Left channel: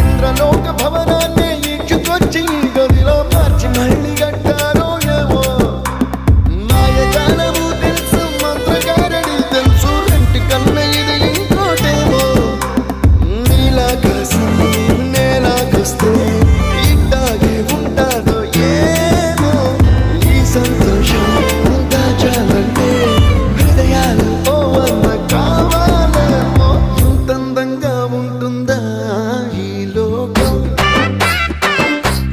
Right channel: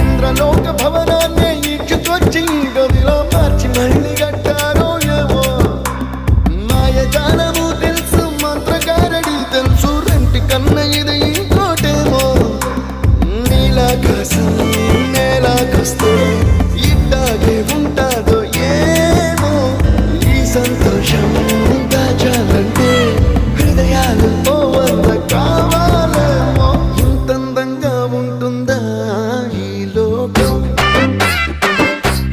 ఇంద్రలోక భవనాన్ని ఈడ్చుకొచ్చి గదిలో మార్చి మళ్ళీ కట్టారో ఏమో. మాయజాలము తెలుసు, మంత్రకారడి తెలుసు, రెంటి కన్న ఇది ఇంకోటేమో. నీలాకాశం నేలాకొస్తే ఇట్టాగే ఉంటాదో ఏమో. ఈ సంతోషం దాచాలంటే హృదయాలు ఓ వంద కావాలి.